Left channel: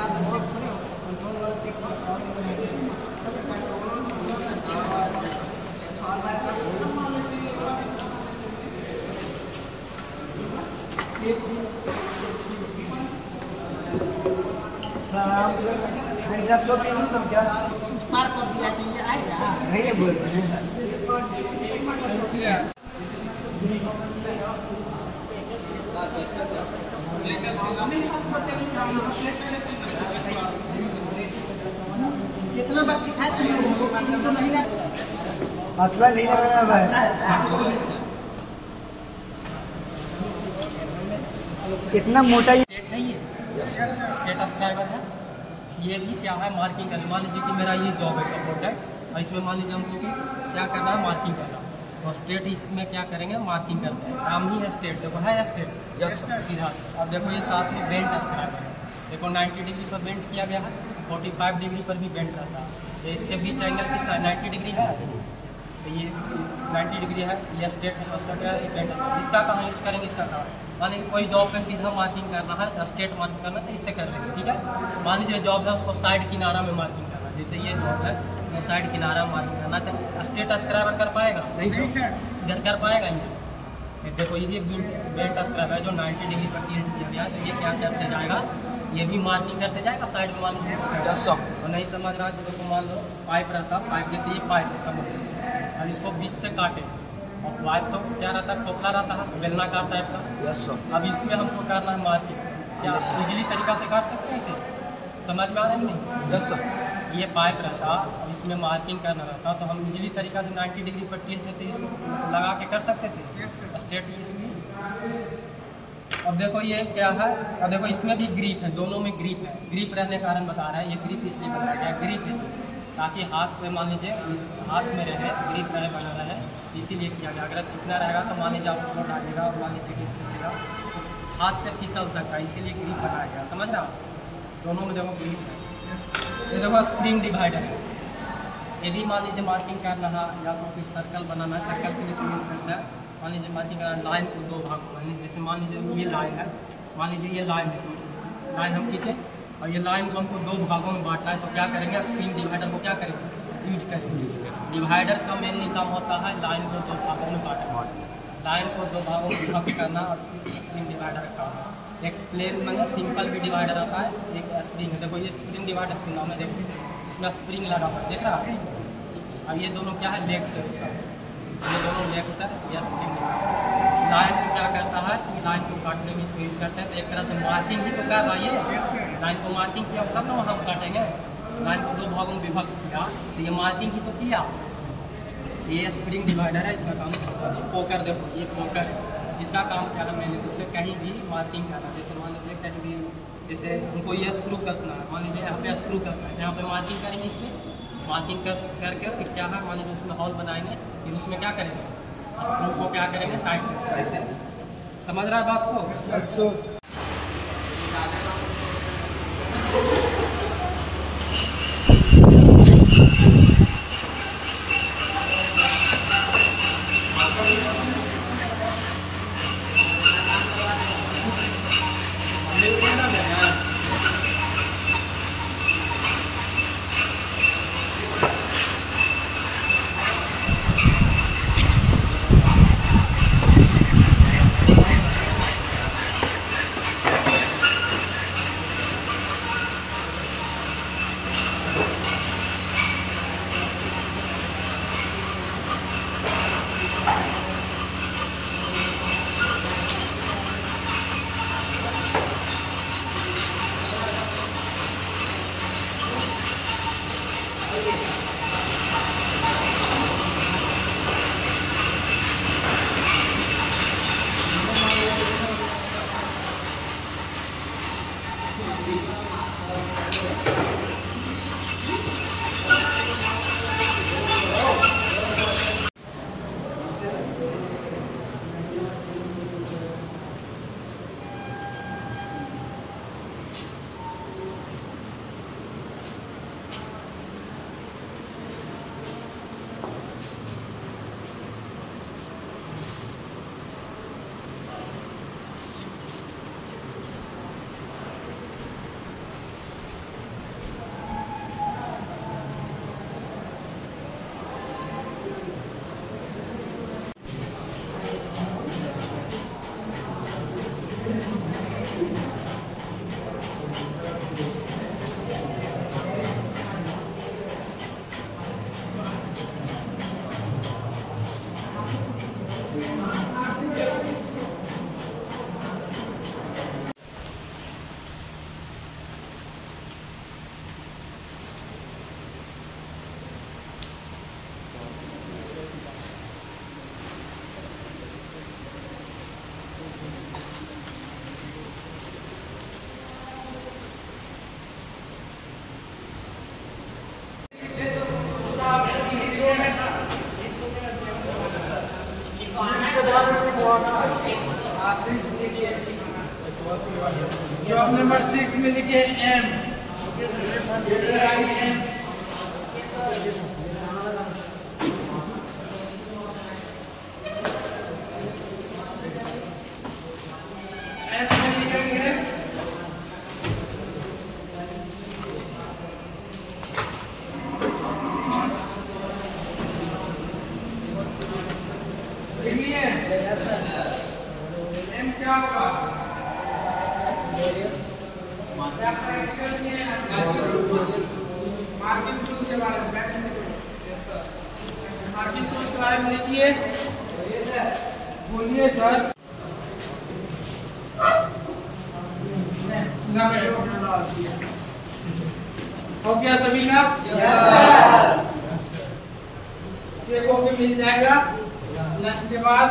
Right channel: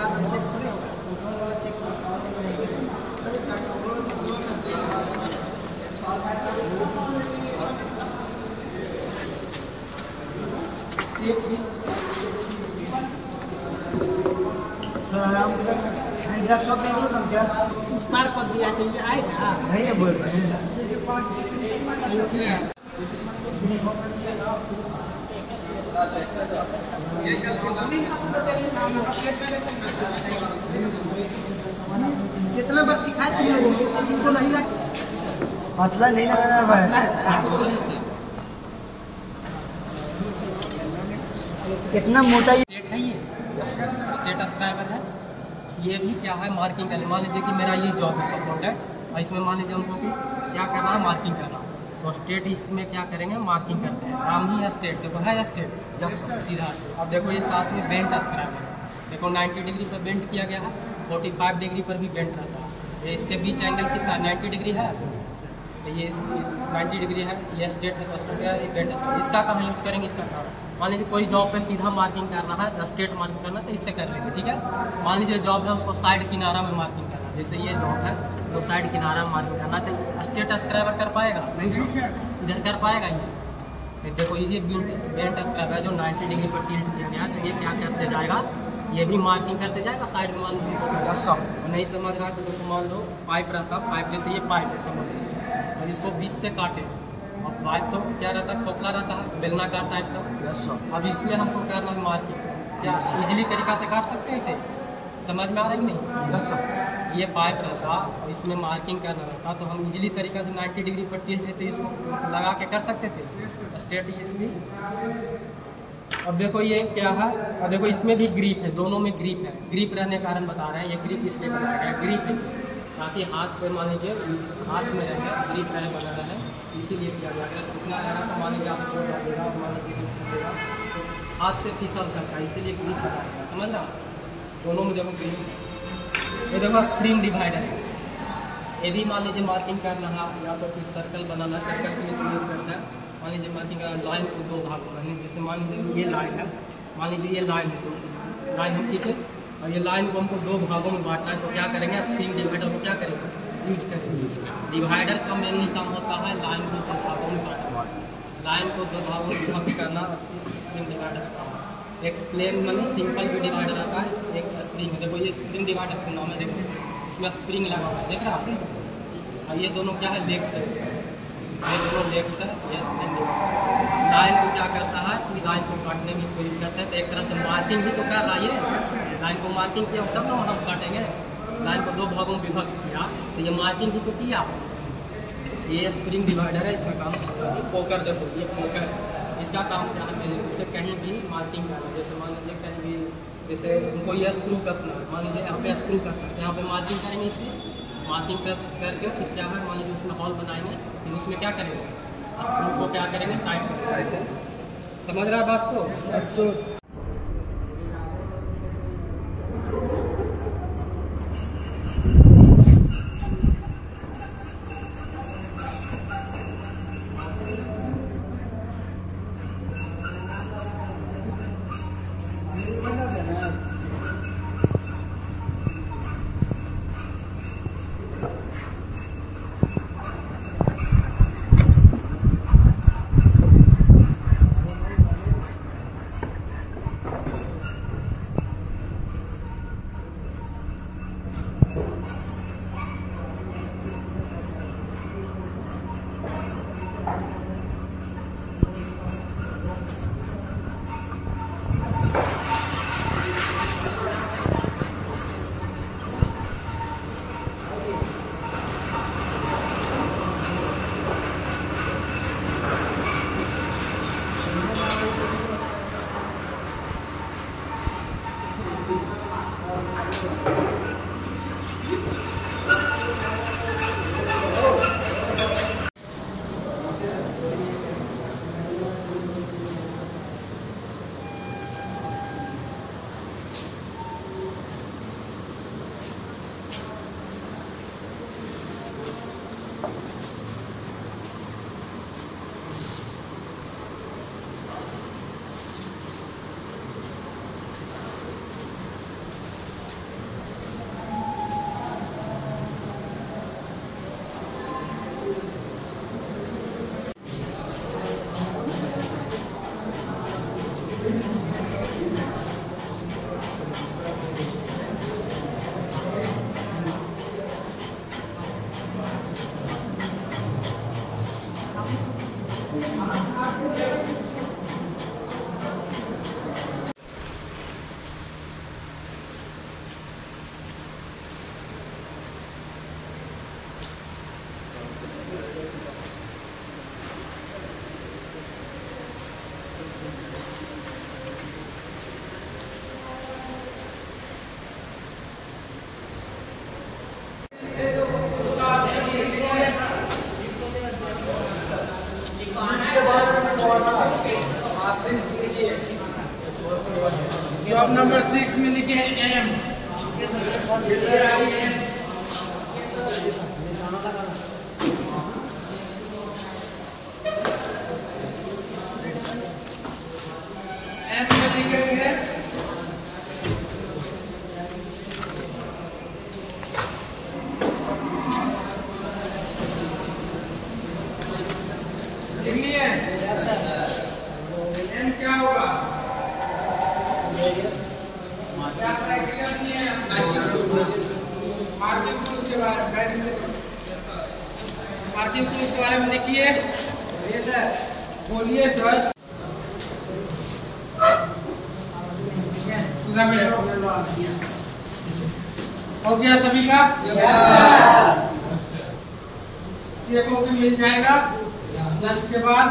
बाद अब चेक थोड़ी होगा, कंट्रोल वाला चेक और पार कर दिया तो ये आएगा नहीं ना बोल रहे हैं। कितना बार सिखाए तुम लोगों को कि इसको नहीं लगा, पतला नहीं लगाना भाई। कितना मोटा है ये, स्टेटस ड्राइवर है। ये भी क्या है, मार्किंग करना। मान लीजिए कि मेरा ये जॉब है सपोर्ट है, और इसमें मान लीजिए हमको भी क्या करना है, मार्किंग करना। तो स्टेट इसमें क्या करेंगे, मार्किंग करते हैं। काम ही है स्टेट, देखो है स्टेट, यस सीधा। अब देखो ये साथ में बेंट स्क्राइब है, देखो 90 डिग्री पर बेंट किया गया है, 45 डिग्री पर भी बेंट रहता है। ये इसके बीच एंगल कितना 90 डिग्री है, तो ये 90 डिग्री है, ये स्टेट है, तो इसका क्या है, बेंट। इसका कहाँ यूज करेंगे, इसका कहाँ। मान लीजिए कोई जॉब पे सीधा मार्किंग करना है, स्ट्रेट मार्किंग करना है, तो इससे कर लेंगे, ठीक है। मान लीजिए जॉब है, उसको साइड किनारा में मार्किंग करना है, जैसे ये जॉब है तो साइड किनारा में मार्किंग करना, तो स्ट्रेट स्क्राइबर कर पाएगा नहीं, इधर कर पाएगा ही। देखो ये बेंट स्क्राइबर है जो 90 डिग्री पर टिल्ट किया गया है, तो ये क्या करते जाएगा, ये भी मार्किंग करते जाएगा साइड में। मान लीजिए तो नहीं समझ रहा है तो मान लो पाइप रहता, पाइप जैसे ये पाइप है, समझ लो, और इसको बीच से काटे, और पाइप तो क्या रहता है, खोखला रहता है, बेलनाकार टाइप का। Yes sir. अब इसमें हमको करना है मार्किंग, क्या इजीली तरीका से काट सकते हैं इसे, समझ में आ रहा है कि नहीं। Yes sir. ये पाइप रहता, अब इसमें मार्किंग करना रहता, तो हम इजीली तरीका से 90 डिग्री पर टिल्ट है तो इसको लगा के कर सकते थे स्ट्रेट इसमें। अब देखो ये क्या है, अब देखो इसमें भी ग्रिप है, दोनों में ग्रिप है। ग्रिप रहने के कारण बता रहे हैं, ये ग्रिप इसलिए बनाया गया, ग्रिप है ताकि हाथ पे मान लीजिए हाथ में रहे, ग्रिप रहे, बना रहे, इसीलिए किया गया। अगर चिकना रहेगा तो मान लीजिए आप चोट आ जाएगा, और मान लीजिए तो हाथ से फिसल सकता है, इसीलिए ग्रिप बनाया गया, समझ रहा। दोनों में देखो ग्रिप है। ये देखो स्प्रिंग डिवाइडर है, ये भी मान लीजिए मार्किंग करना है या तो फिर सर्कल बनाना, सर्कल के लिए यूज करता है। मान लीजिए मार्किंग लाइन को दो भाग में, जैसे मान लीजिए ये लाइन है, मान लीजिए ये लाइन है, तो लाइन हम खींचे और ये लाइन को हमको दो भागों में बांटना है, तो क्या करेंगे, स्प्रिंग डिवाइडर को क्या करेंगे, यूज करेंगे। डिवाइडर का मेनली काम होता है लाइन को दो भागों में बांटना, लाइन को दो भागों में भाग करना, स्प्रिंग डिवाइडर का काम। एक प्लेन मतलब सिंपल भी डिवाइडर आता है, एक स्प्रिंग। देखो ये स्प्रिंग डिवाइडर के नाम है, देखो इसमें स्प्रिंग लगा हुआ है, देख रहा है। और ये दोनों क्या है, लेग्स है, ये दोनों लेग्स है, ये स्प्रिंग डिवाइडर। लाइन को क्या करता है कि लाइन को काटने में इसको यूज करता है, तो एक तरह से मार्किंग ही तो कर रहा है। ये लाइन को मार्किंग किया तब ना हम काटेंगे, लाइन को दो भागों में विभाजित किया तो ये मार्किंग ही तो किया। ये स्प्रिंग डिवाइडर है, इसका काम पोकर, देखो ये पोकर है, इसका काम क्या है, मैंने मुझसे कहीं भी मार्किंग करना, जैसे मान लीजिए कहीं भी, जैसे उनको ये स्क्रू कसना है, मान लीजिए यहाँ पे स्क्रू कसना है, यहाँ पे मार्किंग करेंगे, इससे मार्किंग कस करके फिर क्या है, मान लीजिए उसमें हॉल बनाएंगे, फिर उसमें क्या करेंगे, स्क्रू को क्या करेंगे, टाइट करेंगे, ऐसे। समझ रहा है बात को। एम क्या होगा? क्या प्रैक्टिकल नहीं है? मार्किंग टूल्स के बारे में मार्किंग टूल्स के बारे में लिखिए। बोलिए सर। हो गया सभी का? चेक होके मिल जाएगा लंच के बाद।